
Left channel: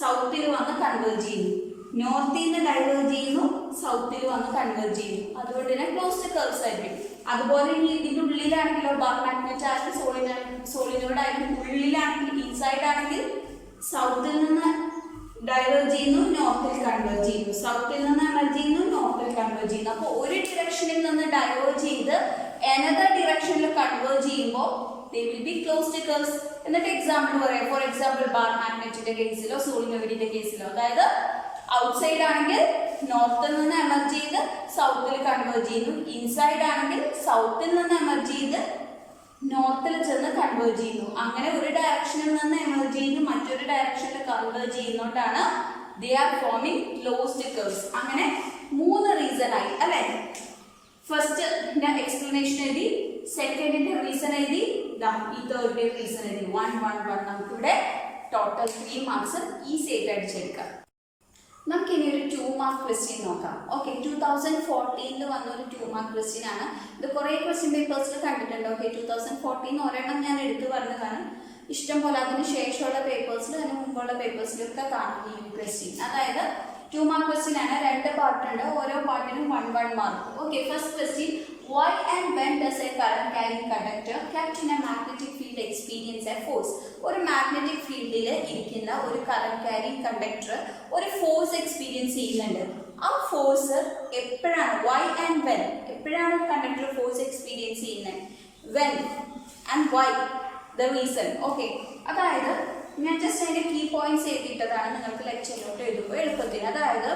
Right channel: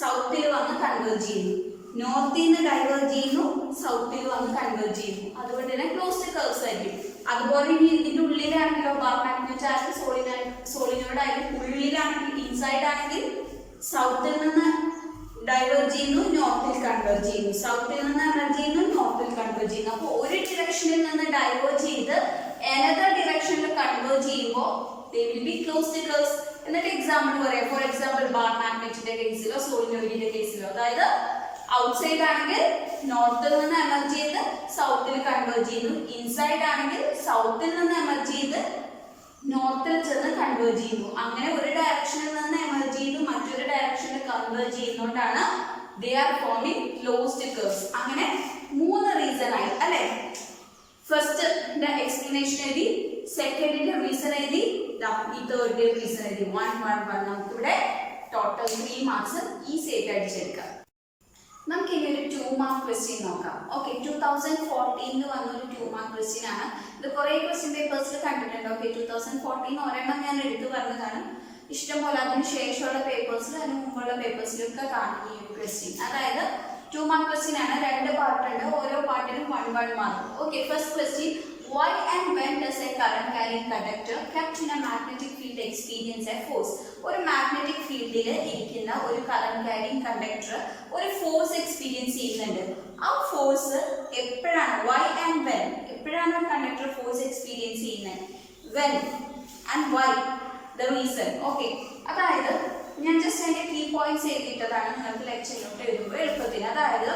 സൗത്തിൽ വന്ന് കൺവേർജ് ചെയ്യുന്നു. നോർത്തിൽ നിന്ന് ഡൈവേർജ് ചെയ്യുന്നു, സൗത്തിൽ വന്ന് കൺവേർജ് ചെയ്യുന്നു. അതുകൊണ്ട് തന്നെ ക്ലോസ്ഡ് കർവ്സ് ആയിരിക്കും. അതുപോലെ ഇനി ഇതിന്റെ ഉള്ളിലാണെങ്കിലോ ബാർ മാഗ്നറ്റ് ആയാലും സോളിനോയിഡ് ആയാലും ഉള്ളിലാണെങ്കിൽ ഇൻസൈഡ് ആണെങ്കിൽ സൗത്തിൽ നിന്ന് ഡൈവേർജ് ചെയ്യുന്നു, നോർത്തിൽ കൺവേർജ് ചെയ്യുന്നു. സൗത്തിൽ നിന്ന് എമർജ് ചെയ്യുന്നു, നോർത്തിൽ കൺവേർജ് ചെയ്യുന്നു. അപ്പോൾ ഒരു ഡിറക്ഷനിൽ നിന്ന് ഡൈവേർജ് ചെയ്ത് അനദർ ഡിറക്ഷനിൽ കൺവേർജ് ചെയ്യുമ്പോൾ they will be closed curves. എന്നിട്ട് എക്സാമ്പിൾ പറയാം. ഫോർ എക്സാമ്പിൾ ബാർ മാഗ്നറ്റിന്റെ കേസിലോ സോളിനോയിഡിന്റെ കേസിലോ, അതായത് ഔട്ട്സൈഡ് ആണെങ്കിൽ നോർത്തിൽ നിന്ന് എമർജ് ചെയ്ത് സൗത്തിൽ കൺവേർജ് ചെയ്യുന്നു, ഇൻസൈഡ് ആണെങ്കിൽ സൗത്തിൽ നിന്ന് എമർജ് ചെയ്ത് നോർത്തിൽ ചെന്ന് കൺവേർജ് ചെയ്യുന്നു. അങ്ങനെ ഒരു ഡയറക്ഷനിൽ നിന്ന് എമർജ് ചെയ്ത് മറ്റൊരു ഡയറക്ഷനിൽ converge ചെയ്യുന്നോണ്ടാണ് they are forming closed curves. അങ്ങനെ 3 റീസൺ ആയി അല്ലേ? ഫസ്റ്റ് എക്സ്പ്ലനേഷൻ എഴുതി, സെക്കൻഡിന്റെ റീസൺ എഴുതി, ഈ തേർഡിന്റെ റീസൺ എഴുതി. 1 1 1 നമുക്കിവിടെ ടോട്ടൽ 3 മാർക്സ് ഈസി ആയിട്ട് അടിച്ചെടുക്കാം. നമുക്ക് ഇനി ഒരു 2 മാർക്ക് ക്വസ്റ്റ്യൻ നോക്കാം. ഓക്കെ, 2014 വന്നൊരു 2 മാർക്ക് ക്വസ്റ്റ്യൻ ആണ്. ഇത് കുറേ ക്വസ്റ്റ്യൻ പേപ്പേഴ്സിൽ കണ്ടിട്ടുണ്ട്. ഓക്കെ, 2014 ഒരെണ്ണം ഞാൻ എടുത്ത് പറഞ്ഞതാണ്. ഇഷ്ടം പോലെ അതിന് ശേഷമുള്ള പേപ്പേഴ്സിലും അതിന് മുമ്പുള്ള പേപ്പേഴ്സിലൊക്കെ കാണും ഈ ഒരു ക്വസ്റ്റ്യൻ. അതായത് 2 മാർക്ക് ക്വസ്റ്റ്യൻ ആണ്. 2 പാർട്ടുണ്ട്. ഓരോ പാർട്ടിനും 1 mark. Okay, first question, why and when does a current carrying conductor kept in a magnetic field experience a force? ഒരു മാഗ്നറ്റിക് ഫീൽഡിൽ ഇരിക്കുന്ന ഒരു കറന്റ് ക്യാരിങ് കണ്ടക്ടർ ഒരു ഫോഴ്സ് എക്സ്പീരിയൻസ് ചെയ്യുന്നുണ്ട്. ആ ഫോഴ്സ് എപ്പോഴാണ്, വൈ ആൻഡ് വെൻ, എപ്പോഴാണ് കണ്ടക്ടർ ഫോഴ്സ് എക്സ്പീരിയൻസ് ചെയ്യുന്നത്, when and why, the reason. Okay, അതായത് ഞാൻ ജസ്റ്റ് അതിന്റെ കീ പോയിന്റ്സ് എഴുതിയിട്ടതാണ് നിങ്ങൾക്ക് ലെക്ചറിലോട്ട് എഴുതുമ്പോൾ എളുപ്പത്തിന്. അതായത്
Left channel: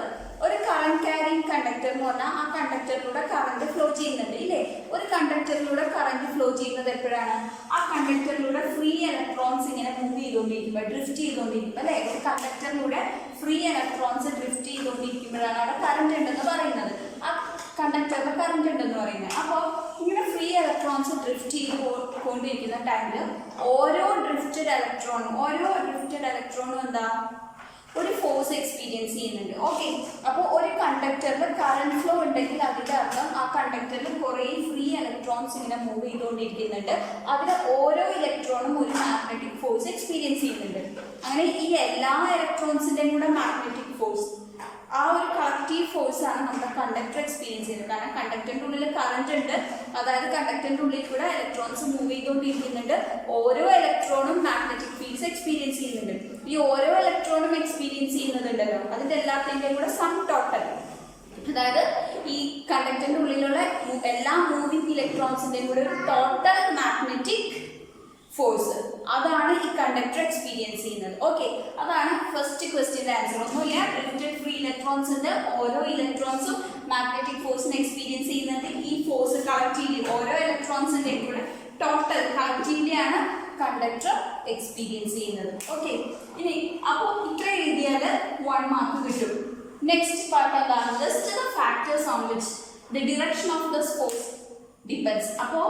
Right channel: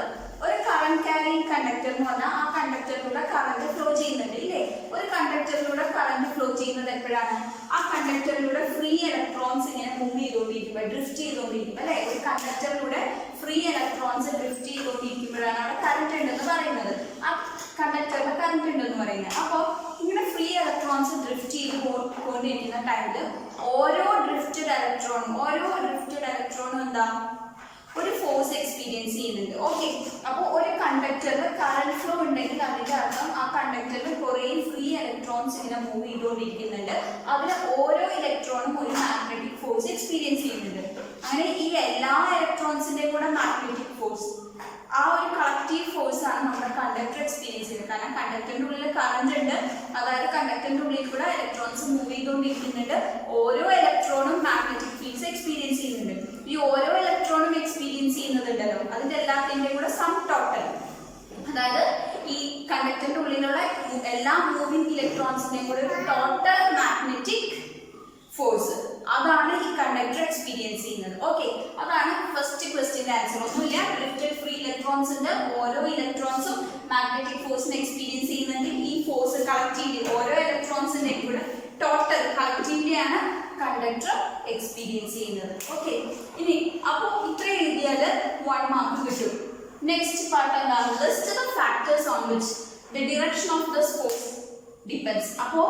ഒരു കറന്റ് ക്യാരിങ് കണ്ടക്ടർ എന്ന് പറഞ്ഞാൽ ആ കണ്ടക്ടറിലൂടെ കറന്റ് ഫ്ലോ ചെയ്യുന്നുണ്ട് ഇല്ലേ. ഒരു കണ്ടക്ടറിലൂടെ കറന്റ് ഫ്ലോ ചെയ്യുന്നത് എപ്പോഴാണ്, ആ കണ്ടക്ടറിലൂടെ ഫ്രീ ഇലക്ട്രോൺസ് ഇങ്ങനെ മൂവ് ചെയ്തുകൊണ്ടിരിക്കുമ്പോൾ, ഡ്രിഫ്റ്റ് ചെയ്തുകൊണ്ടിരിക്കുമ്പോൾ അല്ലെ. ഒരു കണ്ടക്ടറിലൂടെ ഫ്രീ ഇലക്ട്രോൺസ് ഡ്രിഫ്റ്റ് ചെയ്തുകൊണ്ടിരിക്കുമ്പോഴാണ് അവിടെ കറന്റ് ഉണ്ടെന്ന് പറയുന്നത്, ആ കണ്ടക്ടറിൽ കറന്റ് ഉണ്ടെന്ന് പറയുന്നത്. അപ്പോൾ ഇങ്ങനെ ഫ്രീ ഇലക്ട്രോൺസ് ഡ്രിഫ്റ്റ് ചെയ്ത് കൊണ്ടിരിക്കുന്ന ടൈമിൽ ഓരോ ഡ്രിഫ്റ്റഡ് ഇലക്ട്രോണും എന്താ, ഒരു ഫോഴ്സ് എക്സ്പീരിയൻസ് ചെയ്യുന്നുണ്ട്. ഓക്കെ, അപ്പോൾ ഒരു കണ്ടക്ടറിൽ കറന്റ് ഫ്ലോ ഉണ്ടെങ്കിൽ അതിൻ്റെ അർത്ഥം ആ കണ്ടക്ടറിൽ കുറേ ഫ്രീ ഇലക്ട്രോൺസ് ഇങ്ങനെ മൂവ് ചെയ്തുകൊണ്ടിരിക്കുന്നുണ്ട്. അതിൽ ഓരോ ഇലക്ട്രോണും ഒരു മാഗ്നറ്റിക് ഫോഴ്സ് എക്സ്പീരിയൻസ് ചെയ്യുന്നുണ്ട്. അങ്ങനെ ഈ എല്ലാ ഇലക്ട്രോൺസിൻ്റെയും കൂടെ മാഗ്നറ്റിക് ഫോഴ്സ്, ആ ഒരു കളക്റ്റീവ് ഫോഴ്സ് ആണ് നമ്മുടെ കണ്ടക്ടർ എക്സ്പീരിയൻസ് ചെയ്യുന്നത്. കാരണം കണ്ടക്ടറിൻ്റെ ഉള്ളിൽ കറന്റ് ഉണ്ട്, അതായത് കണ്ടക്ടറിൻ്റെ ഉള്ളിൽ കൂടെ ഇലക്ട്രോൺസ് മൂവ് ചെയ്തുകൊണ്ടിരിക്കുന്നുണ്ട്. ഓരോ ഇലക്ട്രോണും മാഗ്നറ്റിക് ഫീൽഡ്സ് എക്സ്പീരിയൻസ് ചെയ്യുന്നുണ്ട്. ഈ ഓരോ ഇലക്ട്രോണും എക്സ്പീരിയൻസ് ചെയ്യുന്നതുണ്ടല്ലോ, അതിൻ്റെ എല്ലാത്തിൻ്റെയും കൂടെ സം ടോട്ടൽ, അതായത് ഈ കണ്ടക്ടറിൻ്റെ ഉള്ളിലുള്ള എല്ലാ മൂവിങ് ഇലക്ട്രോൺസിൻ്റെയും കൂടെ ഒരു ടോട്ടൽ മാഗ്നറ്റിക് ഫോഴ്സ്, അതാണ് ഈ കണ്ടക്ടർ എക്സ്പീരിയൻസ് ചെയ്യുന്നത്. ഓക്കെ, അതാണ് ഫസ്റ്റ് ക്വസ്റ്റ്യൻ്റെ ആൻസർ. ഒന്നുമില്ല, ഡ്രിഫ്റ്റഡ് ഫ്രീ ഇലക്ട്രോൺസ് ഉണ്ട്, ഓരോ ഇലക്ട്രോൺസും മാഗ്നറ്റിക് ഫോഴ്സിനെ എക്സ്പീരിയൻസ് ചെയ്യുന്നുണ്ട്. ഈ ഫോഴ്സ് കളക്റ്റീവ്ലി ഓരോ ഇലക്ട്രോൺസിൻ്റെയും കൂടെ ടോട്ടൽ കളക്റ്റീവ്ലി ആണ് കണ്ടക്ടർ എക്സ്പീരിയൻസ് ചെയ്യുന്നത്. ഓക്കെ, ഇനി അപ്പോൾ ഇത്രയും എഴുതിയാൽ 1 മാർക്ക് കിട്ടും. നെക്സ്റ്റ് പാർട്ട് എന്താണ്, list the factors on which the direction of the force depends. അപ്പോൾ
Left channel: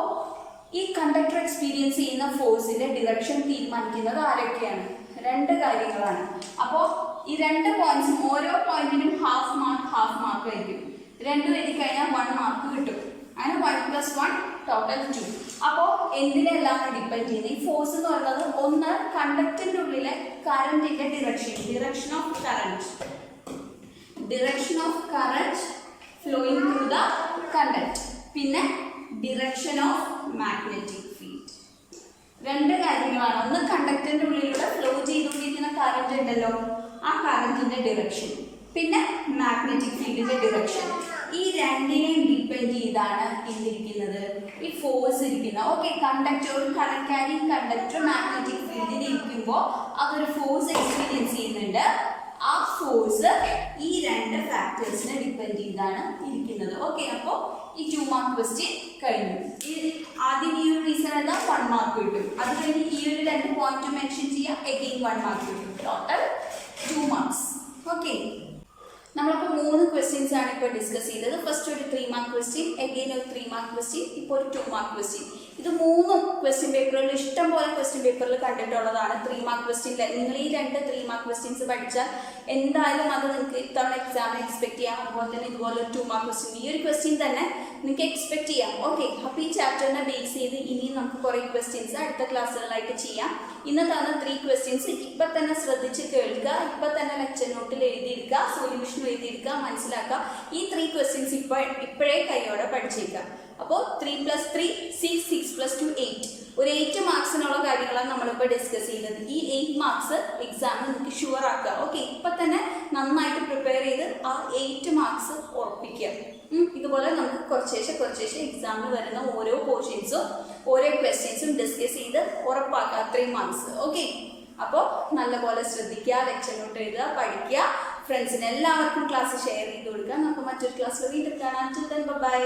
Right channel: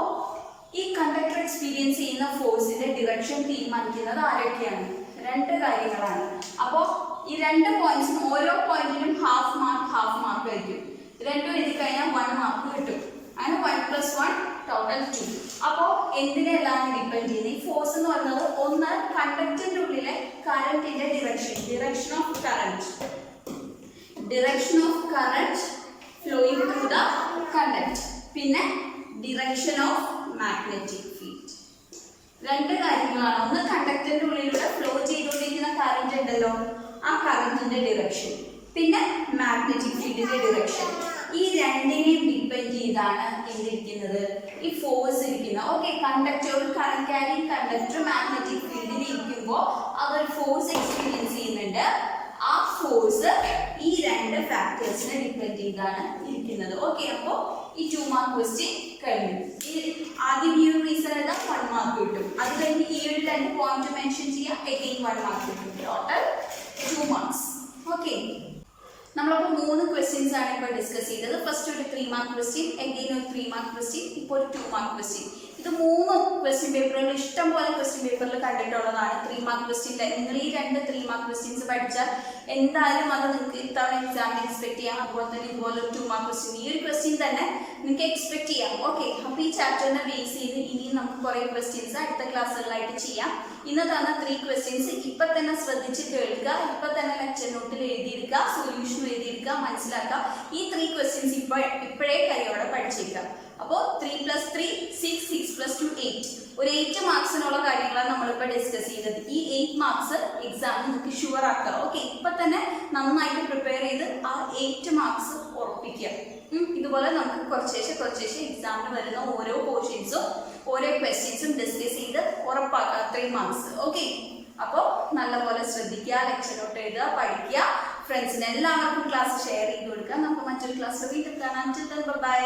ഈ കണ്ടക്ടർ എക്സ്പീരിയൻസ് ചെയ്യുന്ന ഫോഴ്സിന്റെ ഡിറക്ഷൻ തീരുമാനിക്കുന്നത് ആരൊക്കെയാണ്, 2 കാര്യങ്ങളാണ്. അപ്പോൾ ഈ 2 പോയിന്റ്സും ഓരോ പോയിന്റിനും ഹാഫ് മാർക്ക് ആയിരിക്കും. 2 എഴുതി കഴിഞ്ഞാൽ 1 മാർക്ക് കിട്ടും. അങ്ങനെ 1 + 1 ടോട്ടൽ 2. അപ്പോൾ എന്തിനെല്ലാം ഡിപ്പെൻഡ് ചെയ്യുന്നത്, ഈ ഫോഴ്സ് എന്ന് പറയുന്നത് ഒന്ന് കണ്ടക്ടറിന്റെ ഉള്ളിലെ കറന്റിന്റെ direction of current flowing through the conductor, പിന്നെ ഡിറക്ഷൻ ഓഫ് മാഗ്നറ്റിക് ഫീൽഡ്. 2 കാര്യങ്ങളാണ്. ഒന്ന് കണ്ടക്ടറിന്റെ ഉള്ളിലൂടെ ഫ്ലോ ചെയ്തുകൊണ്ടിരിക്കുന്ന കറന്റ് ഉണ്ടല്ലോ, ആ കറന്റിന്റെ ഡിറക്ഷൻ, പിന്നെ മാഗ്നറ്റിക് ഫീൽഡിന്റെ ഡിറക്ഷൻ. ഈ 2നെയും ഡിപ്പെൻഡ് ചെയ്താണ് എന്തിരിക്കുന്നത്, ഈ ഫോഴ്സ് ഇരിക്കുന്നത്. ഓക്കെ, കണ്ടക്ടർ, ഒരു കറന്റ് ക്യാരിങ് കണ്ടക്ടർ മാഗ്നറ്റിക് ഫീൽഡിൽ ഇരിക്കുമ്പോൾ അതൊരു ഫോഴ്സ് എക്സ്പീരിയൻസ് ചെയ്യുന്നുണ്ട്. ആ ഫോഴ്സ് ഈ 2 ഫാക്ടേഴ്സിനെ ഡിപ്പെൻഡ് ചെയ്താണ് ഇരിക്കുന്നത്. ഓക്കെ, അപ്പോൾ ഈ 2 മാർക്ക് ക്വസ്റ്റ്യൻ കഴിഞ്ഞു. ആദ്യം ഈ ഒരു റീസൺ എഴുതാം, 1 മാർക്ക് കിട്ടും. അത് കഴിഞ്ഞ് ഈ ഒരു 2 പോയിന്റ് മെൻഷൻ ചെയ്യാം, എഗെയിൻ 1 മാർക്ക് കിട്ടും. Total 2 marks. ഓക്കെ, നമ്മളിപ്പോൾ 3 ക്വസ്റ്റ്യൻസ് ആണ് ഇപ്പോൾ ഡിസ്കസ് ചെയ്തത്. ഫസ്റ്റ് ഒരു 3 മാർക്ക് ക്വസ്റ്റ്യൻ, എഗെയിൻ ഒരു 3 മാർക്ക് ക്വസ്റ്റ്യൻ, ഇപ്പോൾ ഒരു 2 മാർക്ക് ക്വസ്റ്റ്യൻ. ഇത് 3 ക്വസ്റ്റ്യൻ പേപ്പറുകളിൽ ഇഷ്ടം പോലെ ക്വസ്റ്റ്യൻ പേപ്പറിൽ കണ്ടിട്ടുള്ളതാണ്. 3 മാർക്ക് ക്വസ്റ്റ്യൻ നിങ്ങൾ ഈ 2 3 മാർക്ക് ക്വസ്റ്റ്യൻസ് പഠിച്ചാൽ എന്തായാലും അത് നിങ്ങൾക്ക് ഇത്തവണ എക്സാമിന് എക്സ്പെക്ട് ചെയ്യാം. അതുപോലെ തന്നെ ഇതുപോലെ ഒരു 2 മാർക്ക് ക്വസ്റ്റ്യൻ, ഈ ഒരു ക്വസ്റ്റ്യൻ തന്നെ നിങ്ങൾക്ക് എക്സ്പെക്ട് ചെയ്യാം. ഓക്കെ, അപ്പോൾ ഈ ചാപ്റ്ററിനെ ബേസ് ചെയ്ത് ഇനിയും നമുക്ക് കുറേ ക്വസ്റ്റ്യൻസ് അടുത്ത ക്ലാസ്സുകളിലായിട്ട് ചെയ്യാം. ഇന്ന് തന്ന 3 ക്വസ്റ്റ്യൻസ് ഇപ്പം തന്നെ ശ്രദ്ധിച്ച് കേൾക്കുക, ഇപ്പം തന്നെ ലെക്ചർ നോട്ടിൽ എഴുതിയെടുക്കുക, സൊല്യൂഷൻ എഴുതിയെടുക്കുക, മനസ്സിലാക്കുക. ഈ 3 ക്വസ്റ്റ്യൻസ് ഇപ്പോഴേ കൈയോടെ പഠിച്ചേക്കാം. അപ്പോൾ 3 + 3 6, 6 + 2 8. ഒരു 8 മാർക്സിനുള്ള കാര്യങ്ങളാണ് നമ്മളിപ്പോൾ ഡിസ്കസ് ചെയ്തത്. ഈ 8 മാർക്സ് എക്സാമിന് നിങ്ങൾക്ക് ഷുവർ ആക്കുക. ഓക്കെ, ഇപ്പം തന്നെ നന്നായിട്ട് പ്രിപ്പയർ ചെയ്ത് ആ 8 മാർക്സ് ഉറപ്പിക്കുക. ഇതുപോലെ നമുക്ക് കുറച്ചേശ്ശെ എക്സാമിന് വരുന്ന ഓരോ പോർഷൻസും ഓരോ ക്വസ്റ്റ്യൻസും ഡിസ്കസ് ചെയ്ത് ഉറപ്പാക്കുക 3 മാർക്സ്. ഓക്കെ, അപ്പോൾ നല്ലപോലെ ശ്രദ്ധിക്കുക, ലെക്ചർ നോട്ട് എഴുതുക, പഠിക്കുക, ഫ്രണ്ട്സിന് എല്ലാവർക്കും ക്ലാസ് ഷെയർ ചെയ്ത് കൊടുക്കുക. നമുക്ക് മറ്റൊരു ക്ലാസ്സിൽ വീണ്ടും കാണാം. ബൈ.